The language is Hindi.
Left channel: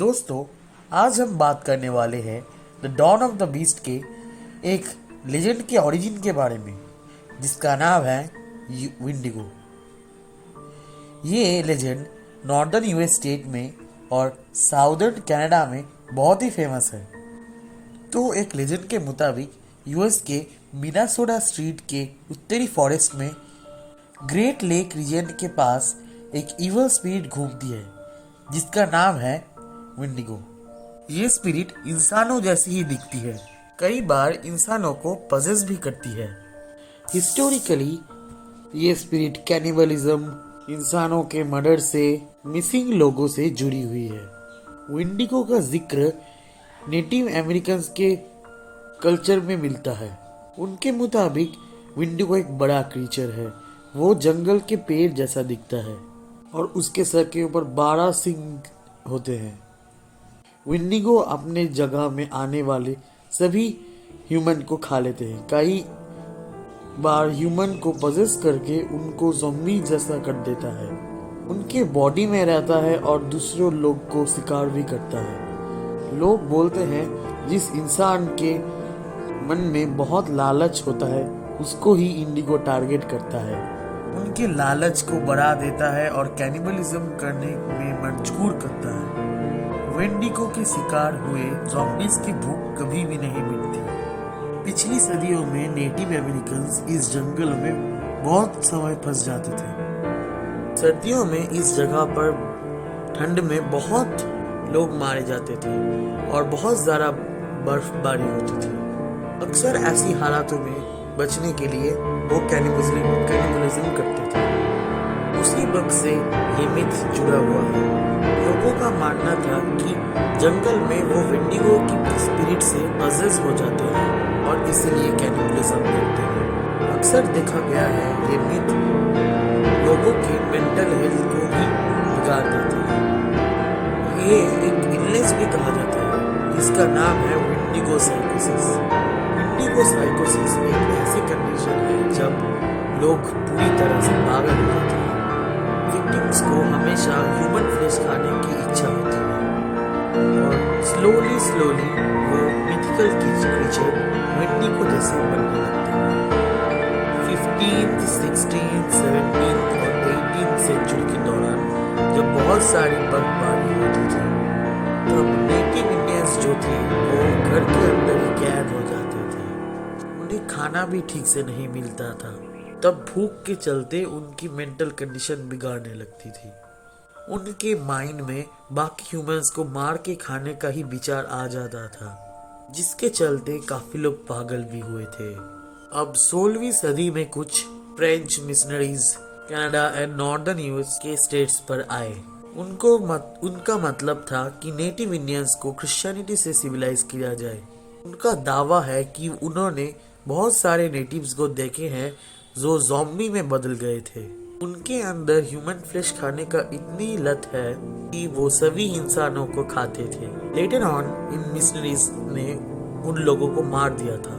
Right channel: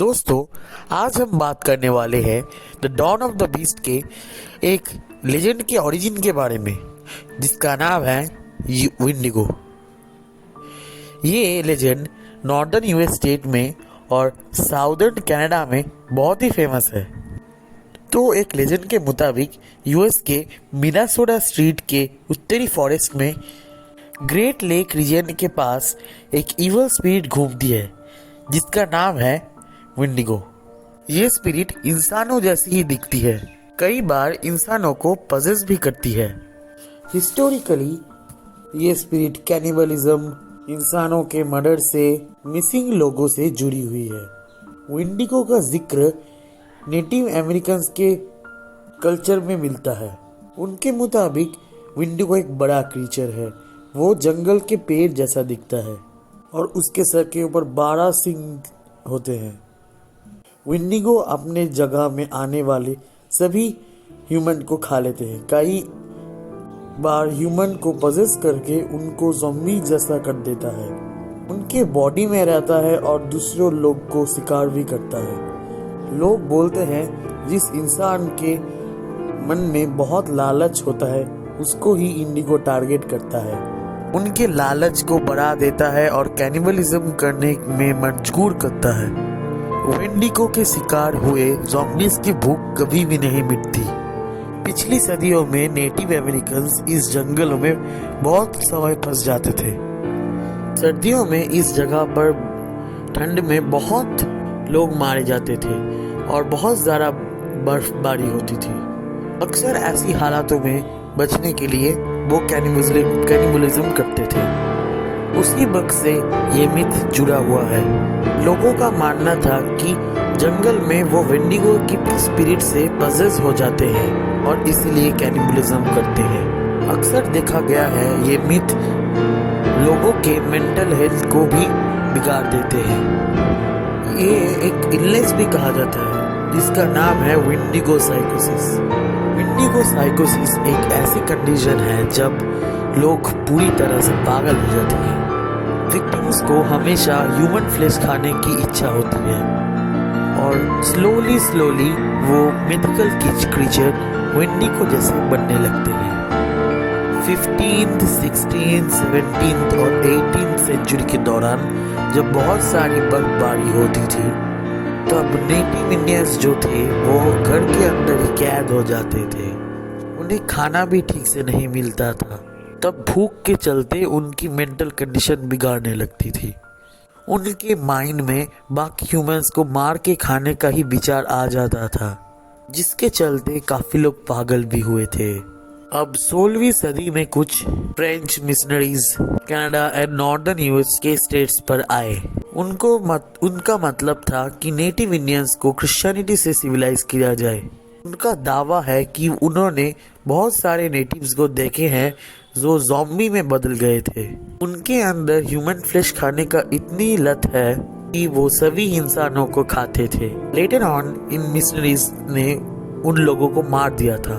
दोस्तों, आज हम बात करने वाले हैं the dawn of the beast के एक लेजेंड के ओरिजिन के बारे में, जिसका नाम है विंडिगो। ये लेजेंड नॉर्दर्न यूएस स्टेट में और साउदर्न कनाडा में बहुत ही फेमस है। तो एक लेजेंड के मुताबिक यूएस के मिनेसोटा स्टेट के उत्तरी फॉरेस्ट में ग्रेट लेक रीजन के पास एक इवल स्पिरिट घूमती है, जिसका नाम है विंडिगो। ये स्पिरिट इंसानों जैसी ही दिखती है, कई बार इंसानों को पजेस भी करती है। हिस्टोरिकली ये स्पिरिट कैनिबलिज्म, इंसानों के मर्डर से, मिसिंग लोगों से जुड़ी हुई है। विंडिगो का जिक्र नेटिव अमेरिकन्स के कल्चर में मिलता है। उनके मुताबिक विंडिगो एक बड़ा क्रीचर है। वो जंगल के पेड़ जैसा दिखता है और उसके सर के ऊपर 12 सिंग होते हैं। विंडिगो अपने जगह में आने वाले सभी ह्यूमन को खा लेते हैं। कई बार ह्यूमन को पजेस करके उनको ज़ॉम्बी जैसा कर देता है। उनके बॉडी में रहता है और दूसरों लोग को शिकार भी करता है। लोग बोलते हैं जिस इंसान के मन में बहुत लालच होता है उसको ही इंडिगो टारगेट करता है। उनके लालच को बढ़ा देता है और कैनिबलिज्म करने में मजबूर करता है। विंडिगो के शिकार हुए ज़ॉम्बीज़ की भूख कभी भी नहीं मिटती। पिछली सदियों में नेटिव अमेरिकन्स इस जंगलों में बहुत समय फंस जाते थे। सर्दियों में इस जगह पर ठंड में बहुत लोग मारे जाते थे और बहुत ज़्यादा बर्फबारी होती थी। अक्सर ऐसी हालातों में बचने के लिए वो कैनिबलिज्म करते थे। उसी वक्त से ये मिथ जुड़ा हुआ है। लोगों का मानना था कि जंगल में वो विंडिगो की स्पिरिट से पजेस हो जाते हैं और इसलिए कैनिबलिज्म करते हैं। अक्सर देखा गया है ये मिथ लोगों के मेंटल हेल्थ को भी बिगाड़ देते हैं। ये एक इलनेस भी कहा जाता है जिसका नाम है विंडिगो साइकोसिस। विंडिगो साइकोसिस एक ऐसी कंडीशन है जब लोग पूरी तरह से पागल हो जाते हैं। विक्टिम्स को हमेशा ह्यूमन फ्लेश खाने की इच्छा होती है और स्लोली वो मिथिकल क्रीचर विंडिगो जैसे बनने लगते हैं। 15th, 16th, 17th और 18th सेंचुरी के दौरान जब बहुत सारी बर्फबारी होती थी तब नेटिव इंडियंस जो थे वो घर के अंदर ही कैद हो जाते थे। उन्हें खाना भी ठीक से नहीं मिलता था। तब भूख के चलते उनकी मेंटल कंडीशन बिगाड़ने लगती थी। उनके माइंड में बाकी ह्यूमंस को मार के खाने का ही विचार आ जाता था, जिसके चलते काफी लोग पागल भी हुए थे। अब 16वीं सदी में कुछ French missionaries Canada and northern US के स्टेट्स पर आए। उनका मतलब था कि नेटिव इंडियंस को क्रिश्चियनिटी से सिविलाइज किया जाए। उनका दावा है कि उन्होंने बहुत सारे नेटिव्स को देखे हैं जो ज़ॉम्बी में बदल गए थे। उनके अंदर ह्यूमन फ्लेश खाने का इतनी लत है कि वो सभी इंसानों को खाते थे। लेटर ऑन इन मिशनरीज ने उन लोगों को मार दिया था।